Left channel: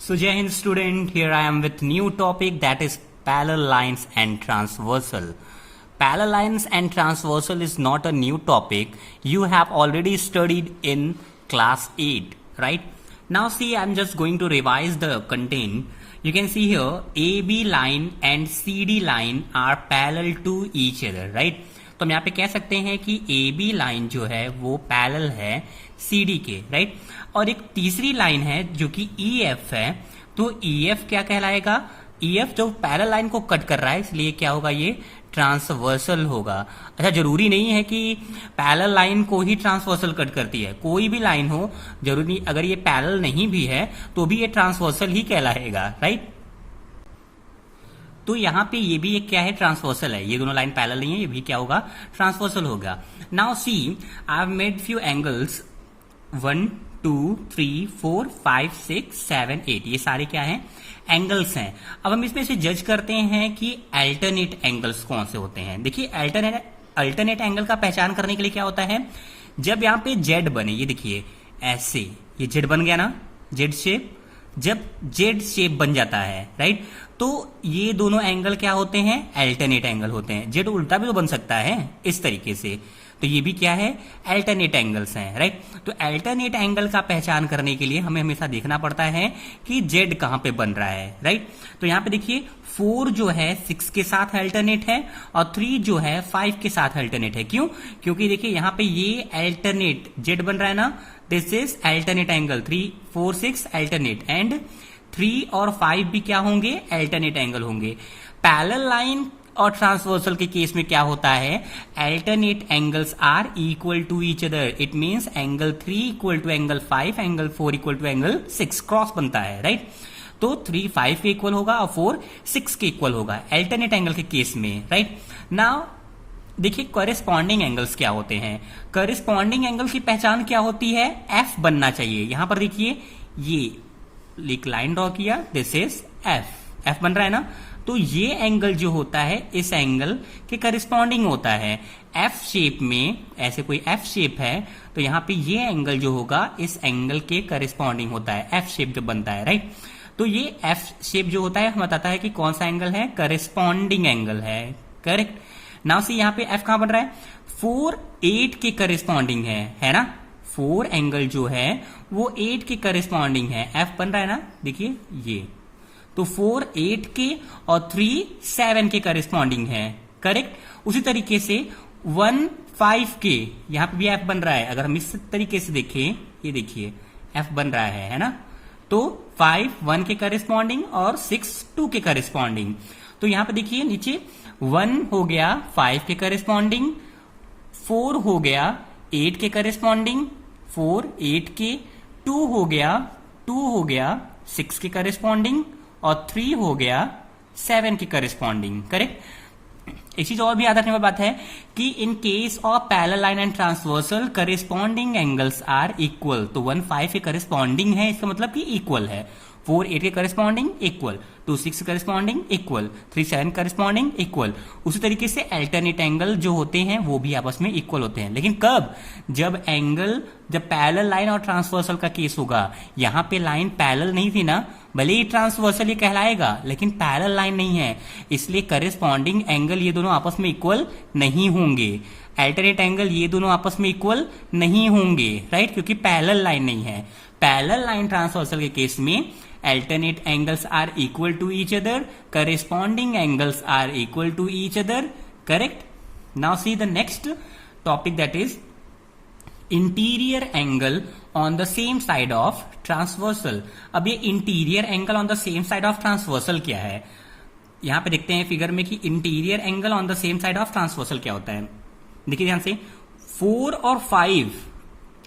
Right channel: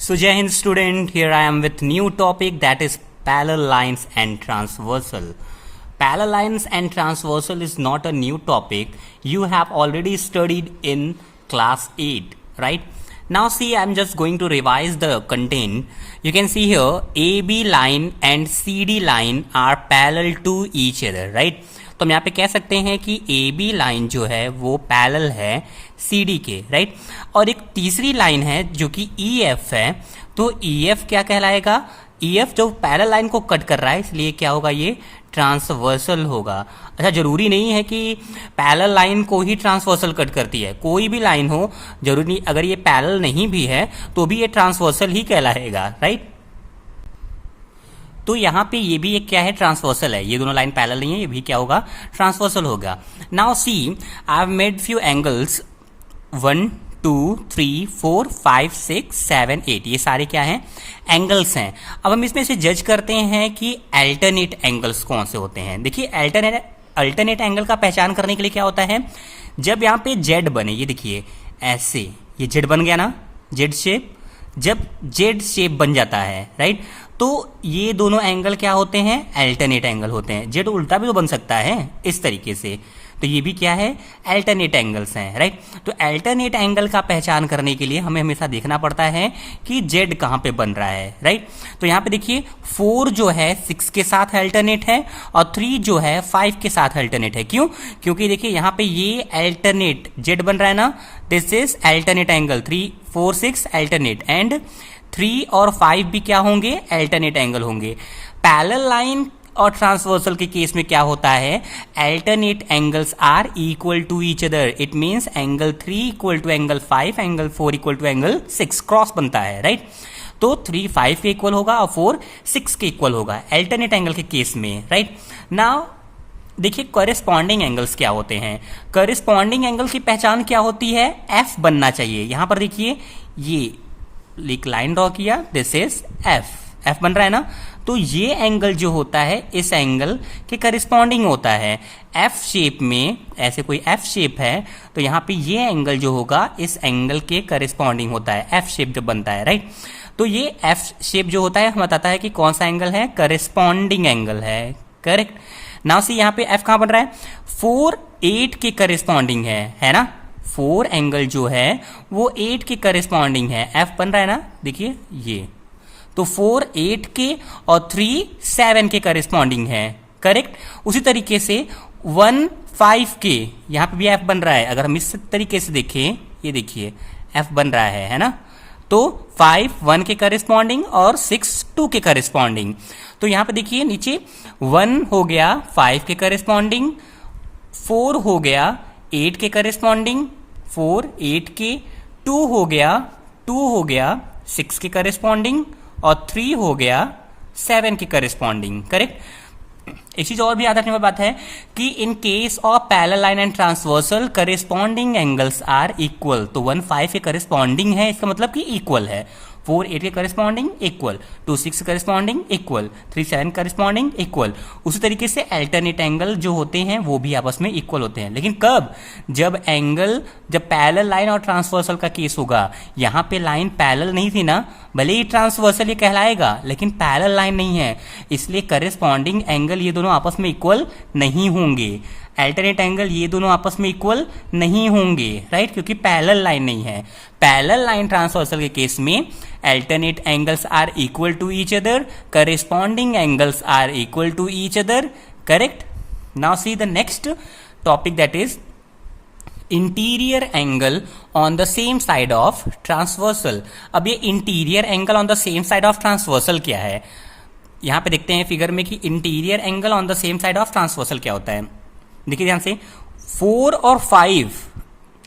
So Jai Hind student, here I am with new topic that is parallel lines and transversal. Parallel lines and transversal is not a new topic. You have already studied in class 8, right? Now see, I'm just going to revise the content. You can see here AB line and CD line are parallel to each other, right? तो हम यहाँ पे कह सकते हैं कि AB line जो है वो पैरेलल है CD के, राइट? और एक तीसरी लाइन है जो कि EF है, तो EF क्या कहलाएगा? EF जो पैरेलल लाइन को कट कर रहा है, इसलिए क्या होगा? ये ट्रांसवर्सल होगा। अच्छा, जरूरी नहीं है कि पैरेलल लाइन को ही ट्रांसवर्सल कट करती है, कोई भी लाइन हो, जरूरी नहीं, अगर ये पैरेलल नहीं भी है तो भी ये ट्रांसवर्सल ही कहलाएगा, राइट? तो यहाँ पे ये भी एक क्या है? ट्रांसवर्सल है। ये दोनों लाइन पैरेलल नहीं है, ये भी क्या होगा? ट्रांसवर्सल होगा। Now see, I have made few angles 1 2 3 4 5 6 7 8, ये सारे क्या हैं? एंगल्स हैं। अब हम इसमें से जज करते हैं कि अल्टरनेट एंगल्स कौन से होते हैं। देखिए, अल्टरनेट एंगल का पहचान करने के लिए क्या होता है? जब यहाँ पे जेड बने, ये देखिए ऐसे, ये जेड बन गया ना, जेड शेप, जब जेड शेप बन जाता है, राइट, तो ये दोनों एंगल क्या होते हैं? अल्टरनेट एंगल होते हैं। जेड उल्टा भी तो बन सकता है इस तरीके से, तो ये भी क्या है? अल्टरनेट एंगल्स हैं, राइट? तो अल्टरनेट एंगल का पहचान करने के लिए हमें हमेशा देखना पड़ता है कि जेड कहाँ पे बन रहा है, राइट? तो यहाँ पे देखिए 4 जो है 6 के साथ अल्टरनेट है और 3 जो है 5 के साथ अल्टरनेट है। क्यों? क्योंकि देखिए यहाँ पे ये अल्टरनेट जेड बन रहा है ना, this is alternate angle, 3 4 6 alternate, and 3 और 5 भी क्या होंगे? अल्टरनेट एंगल होंगे। पैरेलल लाइन और ट्रांसवर्सल के केस में क्या होता है? Alternate angles are equal to each other. It means angle 3 equal to angle 5, angle 4 equal to angle 6, cross बनता है, राइट? तो 3 5 के इक्वल होगा और 4 6 के इक्वल होगा अल्टरनेट एंगल के केस में, राइट? नाउ देखिए कॉरेस्पॉन्डिंग एंगल्स क्या होते हैं। कॉरेस्पॉन्डिंग एंगल की पहचान क्या होती है? एफ बनना चाहिए। यहां पर देखिए ये एक लाइन ड्रॉ किया, दिस इज एफ, एफ बन रहा है ना, तो ये एंगल जो होता है इस एंगल के करिस्पॉन्डिंग होता है। एफ शेप में, ऐसे कोई एफ शेप है तो यहाँ पे ये एंगल जो होगा इस एंगल के करिस्पॉन्डिंग होता है, एफ शेप जब बनता है, राइट? तो ये एफ शेप जो होता है हमें बताता है कि कौन सा एंगल है? करिस्पॉन्डिंग एंगल है, करेक्ट? नाउ सी, यहाँ पे एफ कहां बन रहा है? 4 8 के करिस्पॉन्डिंग है ना? 4 एंगल जो है वो 8 के करिस्पॉन्डिंग है, एफ बन रहा है ना, देखिए ये, तो 4 8 के और 3 7 के करिस्पॉन्डिंग है, करेक्ट? उसी तरीके से 1 5 के, यहां पे भी एफ बन रहा है। अगर हम इस तरीके से देखें, ये देखिए एफ बन रहा है ना, तो 5 1 के करिस्पॉन्डिंग और 6 2 के करिस्पॉन्डिंग। तो यहां पे देखिए नीचे 1 हो गया 5 के करिस्पॉन्डिंग, 4 हो गया 8 के करिस्पॉन्डिंग, 4 8 के, 2 हो गया 6 के करिस्पॉन्डिंग और 3 हो गया 7 के करिस्पॉन्डिंग, करेक्ट? एक चीज और भी याद रखने वाली बात है कि in case of parallel line and transversal corresponding angles are equal. तो 1 5 के करिस्पॉन्डिंग है, इसका मतलब कि इक्वल है। 4 8 के corresponding equal, 2 6 corresponding equal, 3 7 corresponding equal. उसी तरीके से अल्टरनेट एंगल जो होते हैं वो भी आपस में इक्वल होते हैं। लेकिन कब? जब पैरेलल लाइन और ट्रांसवर्सल का केस होगा। यहाँ पे लाइन पैरेलल नहीं थी ना, भले ही ट्रांसवर्सल ये कहलाएगा लेकिन पैरेलल लाइन नहीं है, इसलिए करिस्पॉन्डिंग एंगल ये दोनों आपस में इक्वल नहीं होंगे। अल्टरनेट एंगल ये दोनों आपस में इक्वल नहीं होंगे, राइट? क्योंकि पैरेलल लाइन नहीं है। पैरेलल लाइन ट्रांसवर्सल के केस में alternate angles are equal to each other, corresponding angles are equal to each other, correct? Now see the next topic, that is interior angle on the same side of transversal. अब ये interior angle on the same side of transversal क्या है? यहां पे देखते हैं figure में कि interior angle on the same side of transversal क्या होता है। देखिए ध्यान से, 4 और 5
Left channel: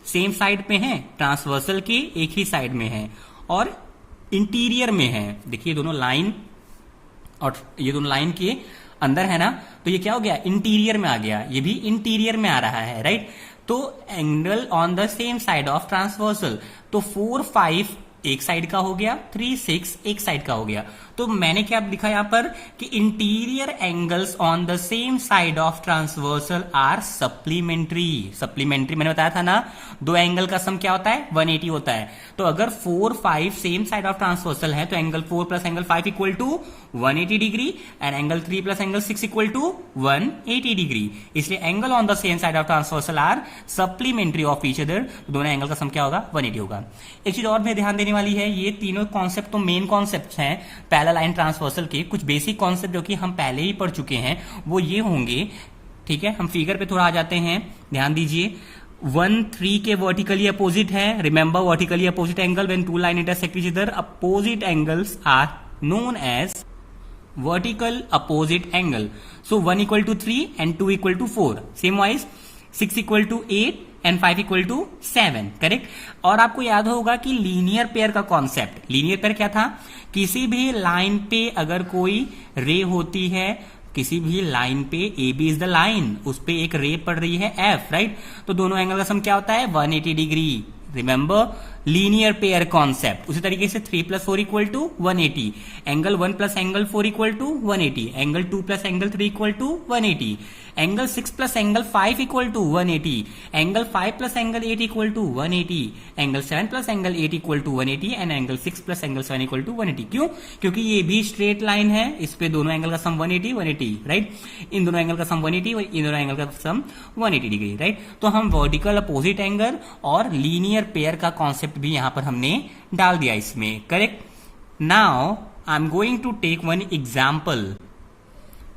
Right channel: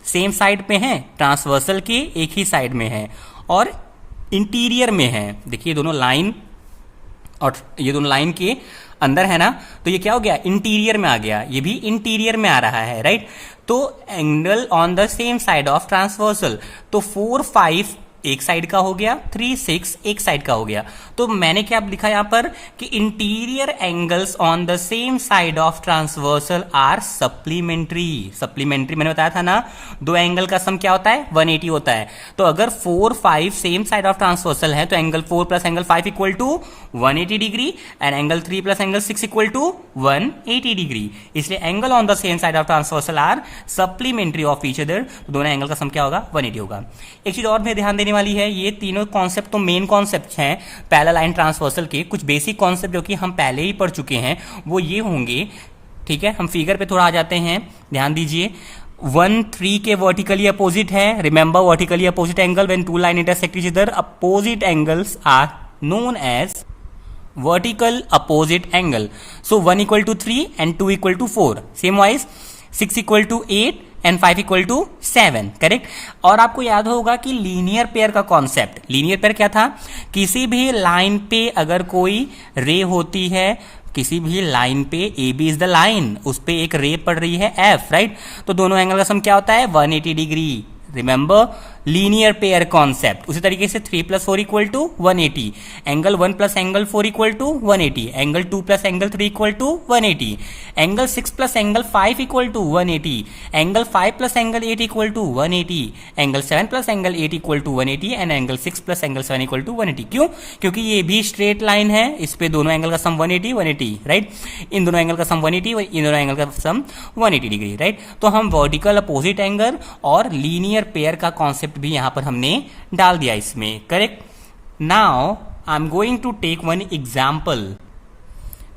सेम साइड पे हैं, ट्रांसवर्सल के एक ही साइड में है और इंटीरियर में है। देखिए दोनों लाइन और ये दोनों लाइन के अंदर है ना, तो ये क्या हो गया? इंटीरियर में आ गया, ये भी इंटीरियर में आ रहा है, राइट? तो angle on the same side of transversal, तो 4 5 एक साइड का हो गया, 3 6 एक साइड का हो गया। तो मैंने क्या लिखा यहां पर कि interior angles on the same side of transversal are supplementary. Supplementary मैंने बताया था ना, दो एंगल का सम क्या होता है, 180 होता है। तो अगर 4 5 सेम साइड ऑफ ट्रांसवर्सल है तो angle 4 plus angle 5 equal to 180 degree and angle 3 plus angle 6 equal to 180 degree. इसलिए angle on the same side of transversal are supplementary of each other. दोनों एंगल का सम क्या होगा, 180 होगा। एक चीज और में ध्यान देने वाली है, ये तीनों कॉन्सेप्ट तो मेन कॉन्सेप्ट हैं पैरेलल लाइन ट्रांसवर्सल के। कुछ बेसिक कॉन्सेप्ट जो कि हम पहले ही पढ़ चुके हैं वो ये होंगे, ठीक है। हम फिगर पे थोड़ा आ जाते हैं, ध्यान दीजिए। 1 3 के वर्टिकली अपोजिट है। Remember vertically opposite angle when two line intersect each other, opposite angles are known as vertical opposite angle. So 1 equal to 3 and 2 equal to 4. Same wise 6 equal to 8 and 5 equal to 7, correct. और आपको याद होगा कि linear pair का concept, linear pair क्या था, किसी भी लाइन पे अगर कोई रे होती है, किसी भी लाइन पे A B is the line, उस पे एक रे पड़ रही है एफ, राइट। तो दोनों एंगल का सम क्या होता है, 180 degree. Remember linear pair concept. उसी तरीके से 3 plus 4 equal to 180, angle 1 plus angle 4 equal to 180, angle 2 plus angle 3 equal to 180, angle 6 plus angle 5 equal to 180, angle 5 plus angle 8 equal to 180, angle 7 plus angle 8 equal to 180 and angle 6 plus angle 7 equal to 180। क्यों? क्योंकि ये भी straight line है, इस पे दोनों angle का सम 180 180, right. इन दोनों एंगल का सम 180, इन दोनों एंगल का सम 180 डिग्री, राइट। तो हम वर्टिकल अपोजिट एंगल और लीनियर पेयर का कॉन्सेप्ट भी यहां पर हमने डाल दिया इसमें, correct. Now I am going to take one example.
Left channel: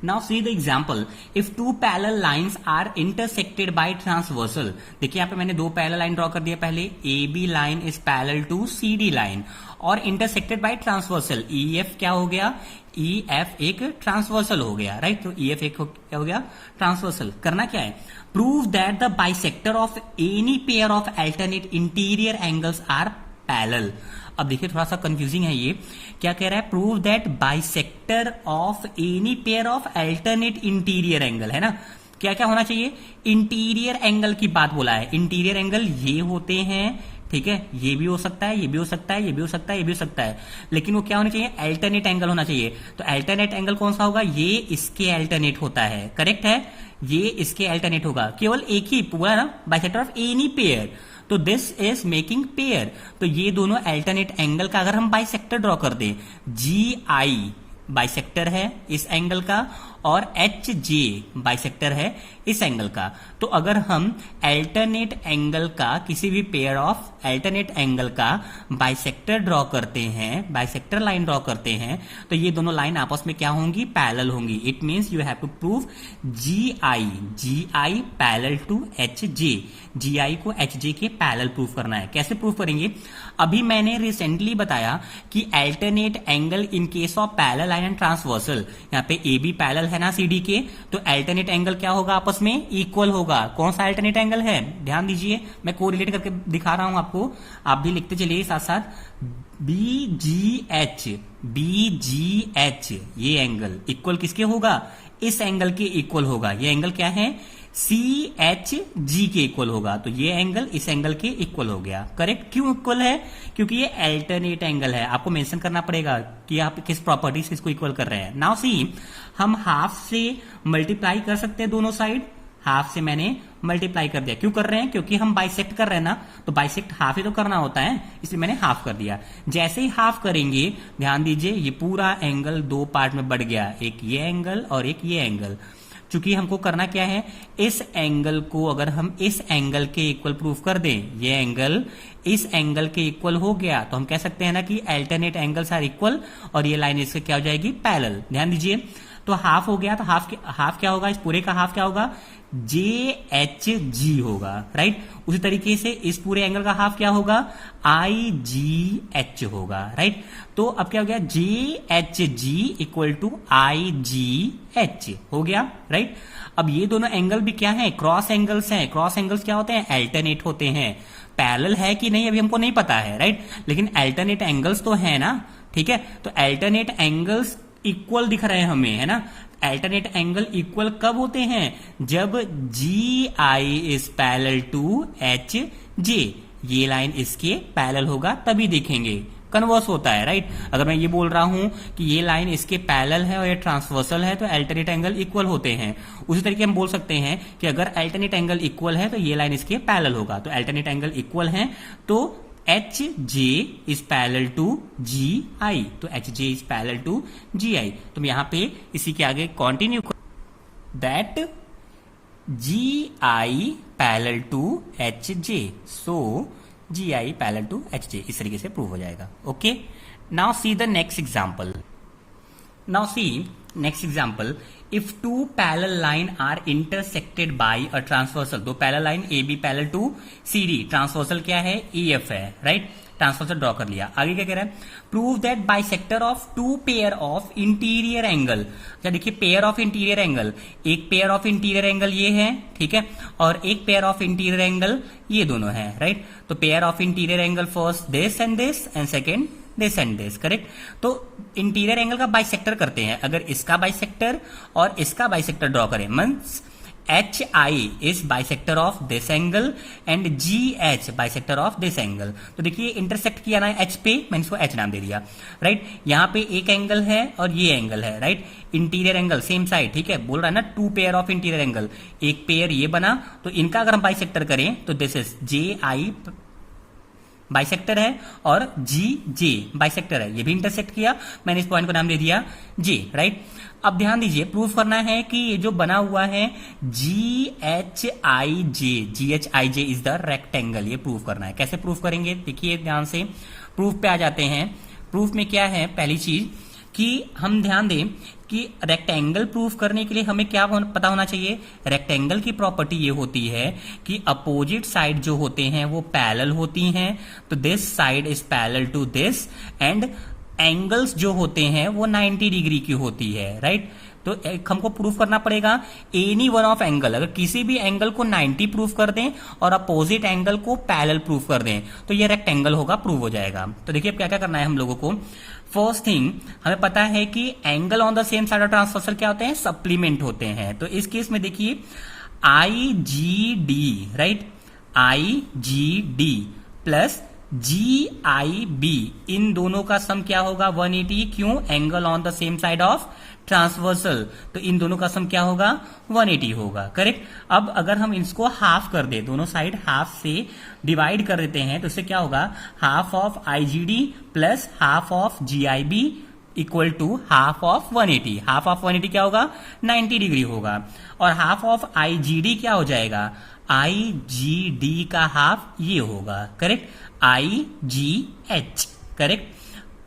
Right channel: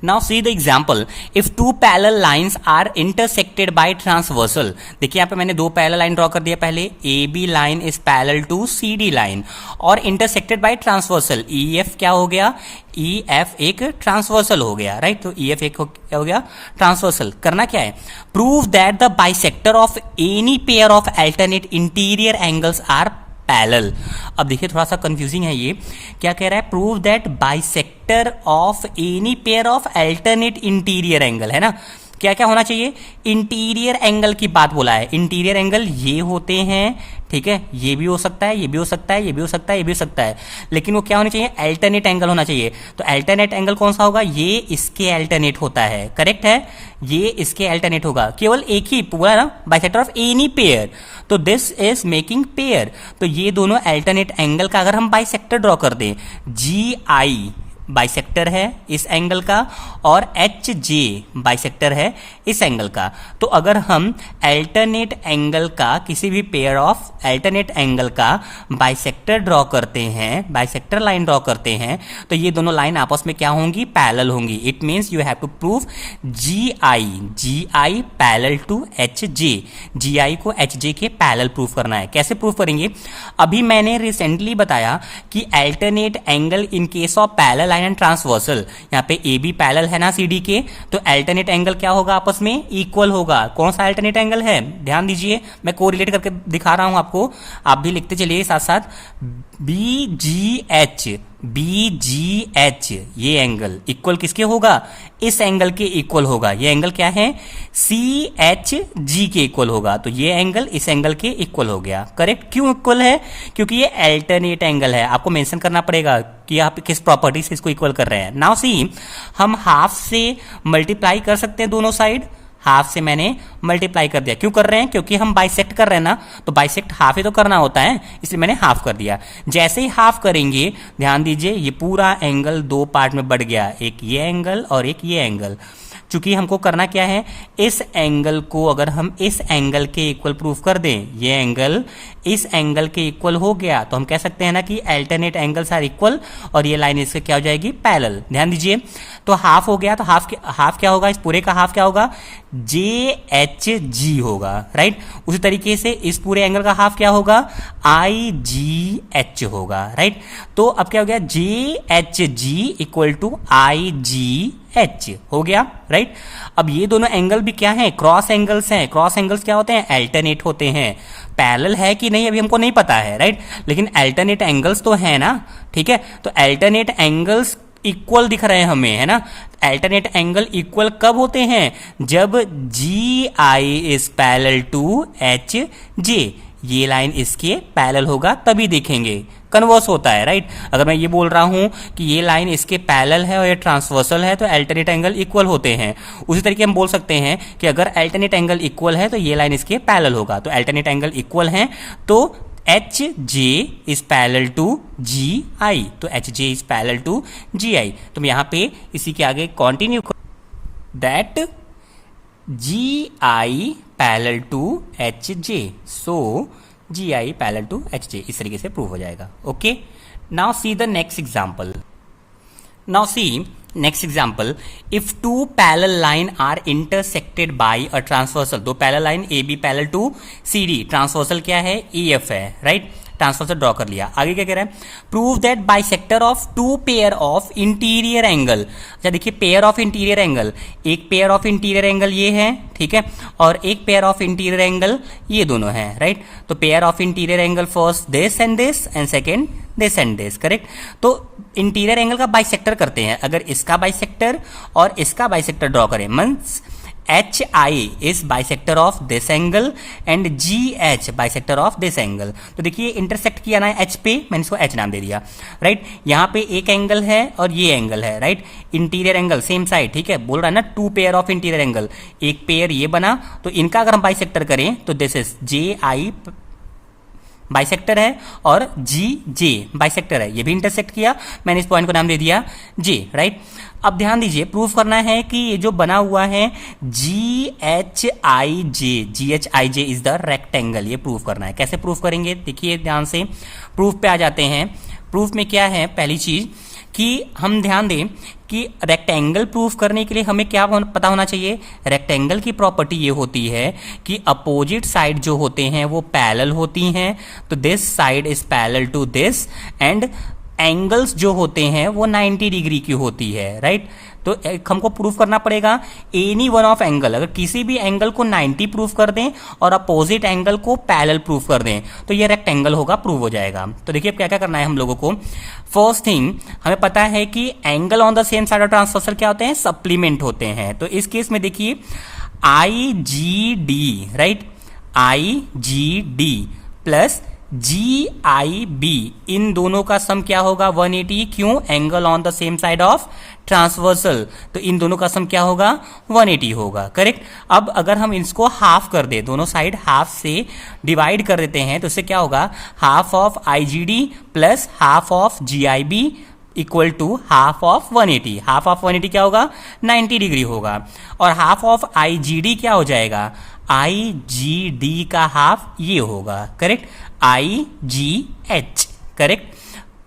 Now see the example. If two parallel lines are intersected by transversal, देखिए यहाँ पे मैंने दो पैरेलल लाइन ड्रॉ कर दिया पहले। AB line is parallel to CD line और intersected by transversal। EF क्या हो गया, EF एक ट्रांसवर्सल हो गया, राइट। तो EF एक क्या हो गया, ट्रांसवर्सल। करना क्या है, prove that the bisector of any pair of alternate interior angles are parallel. अब देखिए थोड़ा सा कंफ्यूजिंग है ये, क्या कह रहा है, prove that bisector of any pair of alternate interior angle, है ना। क्या क्या होना चाहिए, इंटीरियर एंगल की बात बोला है। इंटीरियर एंगल ये होते हैं, ठीक है, ये भी हो सकता है, ये भी हो सकता है, ये भी हो सकता है, ये भी हो सकता है, लेकिन वो क्या होना चाहिए, अल्टरनेट एंगल होना चाहिए। तो अल्टरनेट एंगल कौन सा होगा, ये इसके अल्टरनेट होता है, करेक्ट है, ये इसके अल्टरनेट होगा। केवल एक ही पूरा ना, बाइसेक्टर ऑफ एनी पेयर, तो दिस इज मेकिंग पेयर। तो ये दोनों अल्टरनेट एंगल का अगर हम बाइसेक्टर ड्रॉ कर दें, GI बाइसेक्टर है इस एंगल का और HJ बाइसेक्टर है इस एंगल का। तो अगर हम अल्टरनेट एंगल का, किसी भी पेयर ऑफ अल्टरनेट एंगल का बाइसेक्टर ड्रॉ करते हैं, बाइसेक्टर लाइन ड्रॉ करते हैं, तो ये दोनों लाइन आपस में क्या होंगी, पैरेलल होंगी। It means you have to prove GI parallel to HJ, GI को HJ के पैरेलल प्रूव करना है। कैसे प्रूव करेंगे, अभी मैंने रिसेंटली बताया कि alternate angle in case of parallel line and transversal, यहाँ पे AB पैरेलल है ना CD के, तो अल्टरनेट एंगल क्या होगा, आपस में इक्वल होगा। कौन सा अल्टरनेट एंगल है, ध्यान दीजिए, मैं कोरिलेट करके दिखा रहा हूं आपको, आप भी लिखते चलिए साथ साथ। BGH ये एंगल इक्वल किसके होगा, इस एंगल के इक्वल होगा। ये एंगल क्या है, CHG के इक्वल होगा। तो ये एंगल इस एंगल के इक्वल हो गया, करेक्ट। क्यों इक्वल है, क्योंकि ये अल्टरनेट एंगल है। आपको मेंशन करना पड़ेगा कि आप किस प्रॉपर्टी से इसको इक्वल कर रहे हैं। नाउ सी, हम हाफ से मल्टीप्लाई कर सकते हैं दोनों साइड, हाफ से मैंने मल्टीप्लाई कर दिया। क्यों कर रहे हैं, क्योंकि हम बाइसेक्ट कर रहे हैं ना, तो बाइसेक्ट हाफ ही तो करना होता है, इसलिए मैंने हाफ कर दिया। जैसे ही हाफ करेंगे, ध्यान दीजिए, ये पूरा एंगल दो पार्ट में बढ़ गया, एक ये एंगल और एक ये एंगल। चूंकि हमको करना क्या है, इस एंगल को अगर हम इस एंगल के इक्वल प्रूफ कर दें, ये एंगल इस एंगल के इक्वल हो गया, तो हम कह सकते हैं ना कि अल्टरनेट एंगल्स आर इक्वल और ये लाइन इससे क्या हो जाएगी, पैरेलल। ध्यान दीजिए, तो हाफ हो गया, तो हाफ क्या होगा, इस पूरे का हाफ क्या होगा, JHG होगा, राइट। उसी तरीके से इस पूरे एंगल का हाफ क्या होगा, IGH होगा, राइट। तो अब क्या हो गया, JHG इक्वल टू IGH हो गया, राइट। अब ये दोनों एंगल भी क्या है, क्रॉस एंगल्स हैं। क्रॉस एंगल्स क्या होते हैं, अल्टरनेट होते हैं। पैरेलल है कि नहीं अभी हमको नहीं पता है, राइट, लेकिन अल्टरनेट एंगल्स तो है ना, ठीक है। तो अल्टरनेट एंगल्स इक्वल दिख रहे हैं हमें, है ना। अल्टरनेट एंगल इक्वल कब होते हैं, जब GI is parallel to HJ। ये लाइन इसके पैरेलल होगा तभी देखेंगे, कन्वर्स होता है, राइट। अगर मैं ये बोल रहा हूं कि ये लाइन इसके पैरेलल है और ये ट्रांसवर्सल है तो अल्टरनेट एंगल इक्वल होते हैं। उसी तरीके हम बोल सकते हैं कि अगर अल्टरनेट एंगल इक्वल है तो ये लाइन इसके पैरेलल होगा, तो अल्टरनेट एंगल इक्वल है तो H J is parallel to G I, तो H J is parallel to G I. तो मैं यहाँ पे इसी के आगे continue that G I parallel to H J, so G I parallel to H J, इस तरीके से प्रूव हो जाएगा। Okay, now see the next example. Now see next example, if two parallel line are intersected by a transversal, दो parallel line A B parallel to C D, transversal क्या है, E F है, right. Transversal draw कर लिया। आगे क्या कह रहा है, prove that bisector of two pair of interior angle. अच्छा देखिए, पेयर ऑफ इंटीरियर एंगल, एक पेयर ऑफ इंटीरियर एंगल ये है, ठीक है, और एक पेयर ऑफ इंटीरियर एंगल ये दोनों है, राइट। तो pair of interior angle first this and second this and this, correct. तो इंटीरियर एंगल का बाइसेक्टर करते हैं। अगर इसका बाइसेक्टर और इसका बाइसेक्टर ड्रॉ करें, means H I is bisector of this angle and ji H bisector of this angle. तो देखिए इंटरसेक्ट किया ना एच पे, मैंने इसको एच नाम दे दिया, राइट। यहाँ पे एक एंगल है और ये एंगल है, right. Interior angle same side, ठीक है, बोल रहा है ना two pair of interior angle, एक पेयर ये बना, तो इनका अगर हम बाइसेक्टर करें तो this is J I bisector है और जी जे बाइसेक्टर है, ये भी इंटरसेक्ट किया, मैंने इस पॉइंट को नाम दे दिया जे, राइट। अब ध्यान दीजिए, प्रूफ करना है कि ये जो बना हुआ है जी H I J is the rectangle, ये प्रूफ करना है। कैसे प्रूफ करेंगे, देखिए ध्यान से, प्रूफ पे आ जाते हैं। प्रूफ में क्या है, पहली चीज कि हम ध्यान दें कि रेक्टेंगल प्रूफ करने के लिए हमें क्या पता होना चाहिए, रेक्टेंगल की प्रॉपर्टी ये होती है कि अपोजिट साइड जो होते हैं वो पैरेलल होती हैं, तो this side is parallel to this, and angles जो होते हैं वो 90 डिग्री की होती है, राइट। तो हमको प्रूफ करना पड़ेगा एनी वन ऑफ एंगल, अगर किसी भी एंगल को 90 प्रूफ कर दें और अपोजिट एंगल को पैरेलल प्रूफ कर दें तो ये रेक्टेंगल होगा, प्रूव हो जाएगा। तो देखिए अब क्या क्या करना है हम लोगों को। फर्स्ट थिंग, हमें पता है कि angle on the same side of transversal क्या होते हैं, सप्लीमेंट होते हैं। तो इस केस में देखिए आई G D, right, I G D plus ji I B, इन दोनों का सम क्या होगा 180, क्यों, angle on the same side of transversal, तो इन दोनों का सम क्या होगा 180 होगा, करेक्ट। अब अगर हम इसको हाफ कर दे, दोनों साइड हाफ से डिवाइड कर देते हैं तो इससे क्या होगा, half of I G D plus half of G I B equal to half of 180। Half of 180 क्या होगा, 90 डिग्री होगा, और half of I G D क्या हो जाएगा, आई जी डी का हाफ ये होगा, correct, I G H, correct,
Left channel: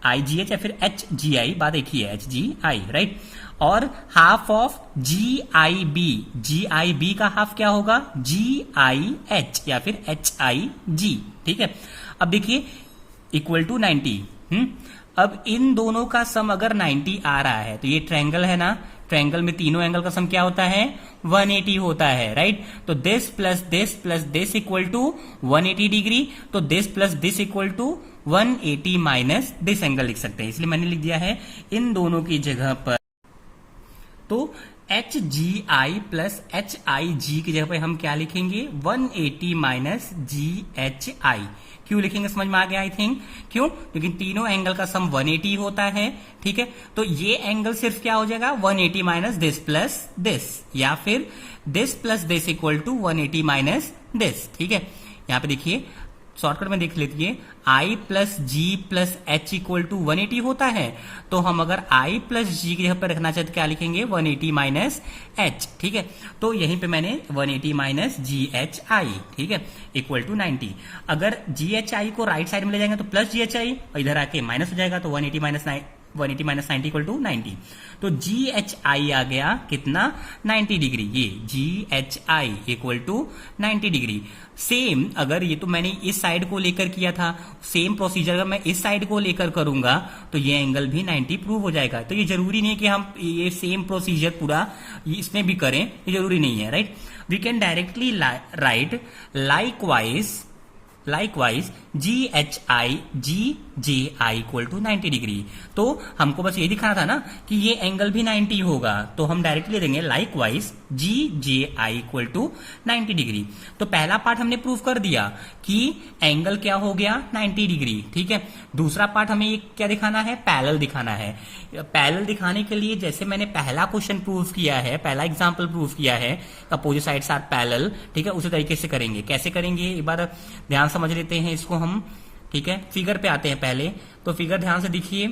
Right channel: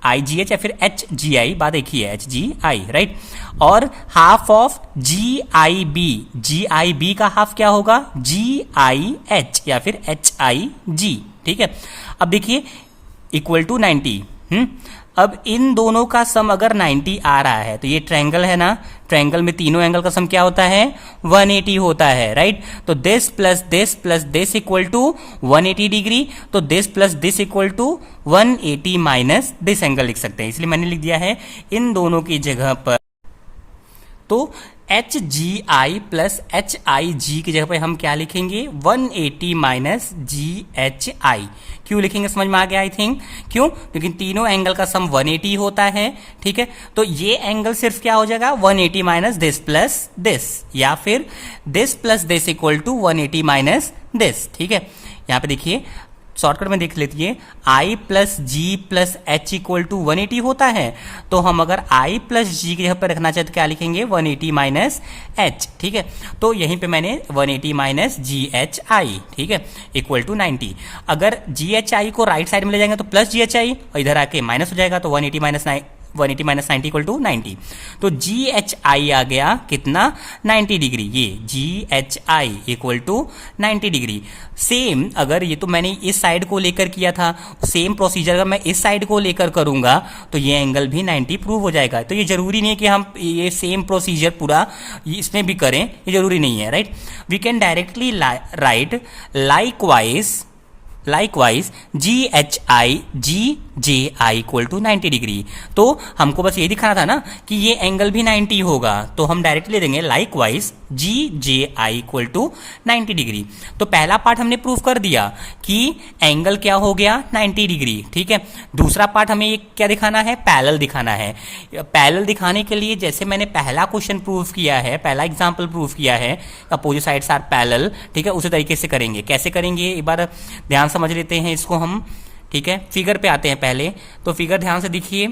I G H या फिर एच जी आई, बात एक ही है, एच जी आई, राइट। और half of G I B का हाफ क्या होगा, जी आई एच या फिर एच आई जी, ठीक है। अब देखिए इक्वल टू 90, अब इन दोनों का सम अगर 90 आ रहा है तो ये ट्रायंगल है ना, ट्रायंगल में तीनों एंगल का सम क्या होता है 180 होता है, राइट। तो this plus this equal to 180 डिग्री, तो this plus this equal to 180 minus this angle लिख सकते हैं, इसलिए मैंने लिख दिया है इन दोनों की जगह पर, तो H G I plus H I G की जगह पर हम क्या लिखेंगे 180 माइनस जी एच आई। क्यों लिखेंगे समझ में आ गया आई थिंक, क्यों, क्योंकि तीनों एंगल का सम 180 होता है, ठीक है। तो ये एंगल सिर्फ क्या हो जाएगा 180 माइनस दिस प्लस दिस, या फिर this plus this equal to 180 minus this, ठीक है। यहाँ पे देखिए शॉर्टकट में देख लेती I plus G plus H equal to 180 होता है, तो हम अगर आई प्लस जी की जगह पर रखना चाहे तो क्या लिखेंगे 180 माइनस एच, ठीक है। तो यहीं पे मैंने 180 माइनस जी एच आई, ठीक है, इक्वल टू 90। अगर जी एच आई को राइट साइड में ले जाएंगे तो प्लस जी एच आई, और इधर आके माइनस हो जाएगा, तो 180 माइनस 90 इक्वल टू 90। तो जी एच आई आ गया कितना 90 डिग्री, ये G H I equal to 90 degree. Same अगर ये तो मैंने इस साइड को लेकर किया था, सेम प्रोसीजर अगर मैं इस साइड को लेकर करूंगा तो ये एंगल भी 90 प्रूव हो जाएगा। तो ये जरूरी नहीं है कि हम ये सेम प्रोसीजर पूरा इसमें भी करें, ये जरूरी नहीं है, right. We can directly write likewise GHI equal to 90 degree. तो हमको बस ये दिखाना था ना कि ये एंगल भी 90 होगा, तो हम डायरेक्टली ले देंगे likewise GJI equal to 90 degree. तो पहला पार्ट हमने प्रूव कर दिया कि एंगल क्या हो गया 90 डिग्री, ठीक है। दूसरा पार्ट हमें ये क्या दिखाना है, पैरेलल दिखाना है। पैरेलल दिखाने के लिए जैसे मैंने पहला क्वेश्चन प्रूव किया है, पहला एग्जांपल प्रूव किया है, अपोजिट साइड्स आर पैरेलल, ठीक है, उसी तरीके से करेंगे। कैसे करेंगे एक बार ध्यान समझ लेते हैं इसको हम, ठीक है। फिगर पे आते हैं पहले, तो फिगर ध्यान से देखिए।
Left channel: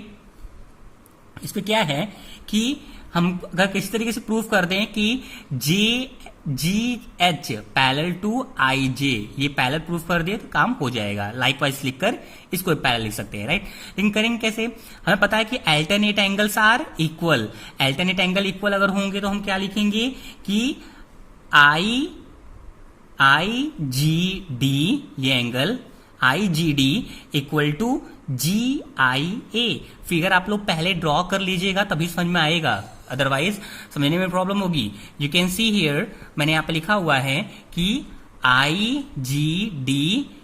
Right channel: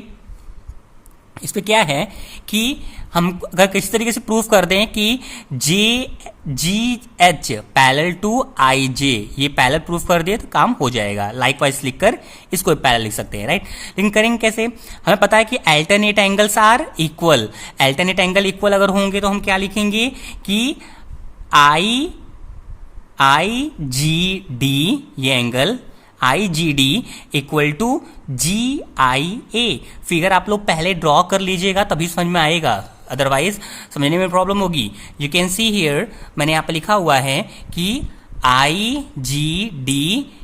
इस पे क्या है कि हम अगर किसी तरीके से प्रूफ कर दें कि GH पैरेलल टू IJ, ये पैरेलल प्रूफ कर दिए तो काम हो जाएगा। लाइकवाइज लिखकर इसको पैरेलल लिख सकते हैं, राइट। लेकिन करेंगे कैसे, हमें पता है कि alternate angles are equal. Alternate angle equal अगर होंगे तो हम क्या लिखेंगे कि IGD, ये angle IGD equal to GIA। Figure आप लोग पहले ड्रॉ कर लीजिएगा तभी समझ में आएगा, अदरवाइज समझने में प्रॉब्लम होगी। यू कैन सी हियर, मैंने यहाँ पे लिखा हुआ है कि IGD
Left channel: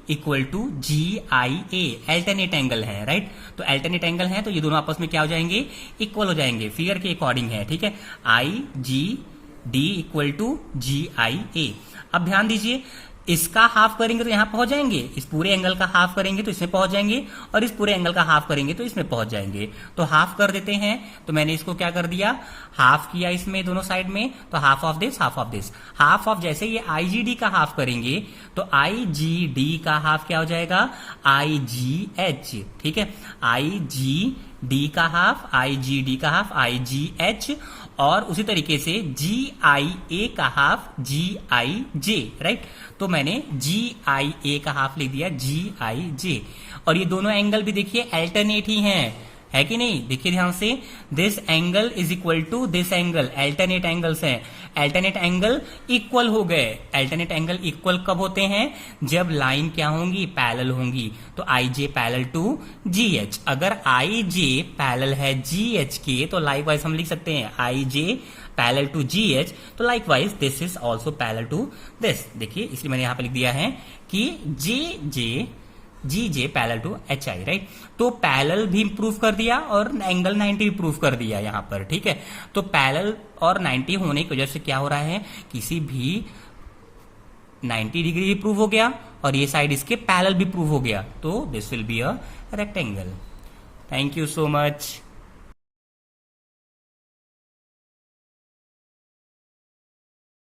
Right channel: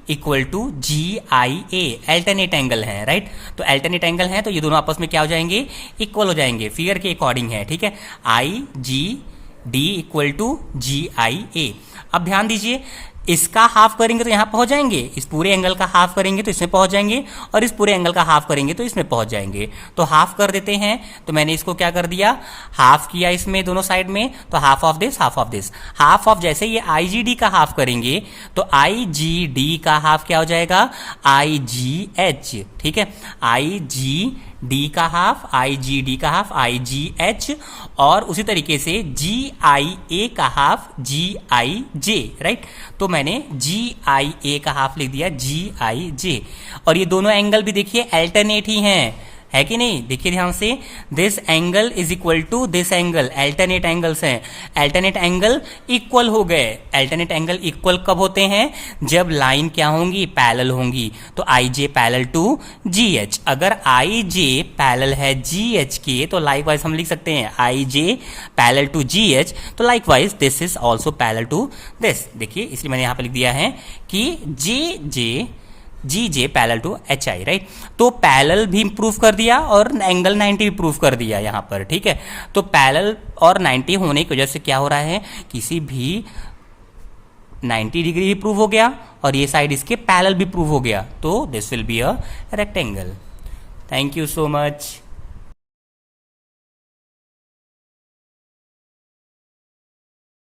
equal to GIA alternate angle है, राइट। तो अल्टरनेट एंगल है तो ये दोनों आपस में क्या हो जाएंगे, इक्वल हो जाएंगे, फिगर के अकॉर्डिंग है, ठीक है। IGD equal to GIA। अब ध्यान दीजिए, इसका हाफ करेंगे तो यहां पहुंच जाएंगे, इस पूरे एंगल का हाफ करेंगे तो इसमें पहुंच जाएंगे, और इस पूरे एंगल का हाफ करेंगे तो इसमें पहुंच जाएंगे। तो हाफ कर देते हैं, तो मैंने इसको क्या कर दिया, हाफ किया इसमें दोनों साइड में, तो half of this, half of this, half of. जैसे ये IGD का हाफ करेंगे तो IGD का हाफ क्या हो जाएगा, IGH, ठीक है। IGD का हाफ, IGD का हाफ IGH, और उसी तरीके से GIA का हाफ GIJ, राइट। तो मैंने GIA का हाफ लिख दिया GIJ। और ये दोनों एंगल भी देखिए अल्टरनेट ही हैं, है कि नहीं, देखिए ध्यान से। This angle is equal to this angle, alternate angles हैं, अल्टरनेट एंगल इक्वल हो गए। अल्टरनेट एंगल इक्वल कब होते हैं, जब लाइन क्या होंगी, पैरेलल होंगी। तो IJ पैरेलल टू GH, अगर IJ पैरेलल है GH के तो लाइकवाइज हम लिख सकते हैं IJ पैरेलल टू GH, तो likewise this is also parallel to this. देखिए इसलिए मैंने यहां पर लिख दिया है कि GJ parallel to HI, right. तो पैरेलल भी प्रूफ कर दिया और एंगल 90 भी प्रूफ कर दिया यहाँ पर, ठीक है। तो पैरेलल और 90 होने की वजह से क्या हो रहा है, किसी भी 90 डिग्री भी प्रूव हो गया और ये साइड इसके पैरेलल भी प्रूव हो गया, तो this will be a rectangle. Thank you so much.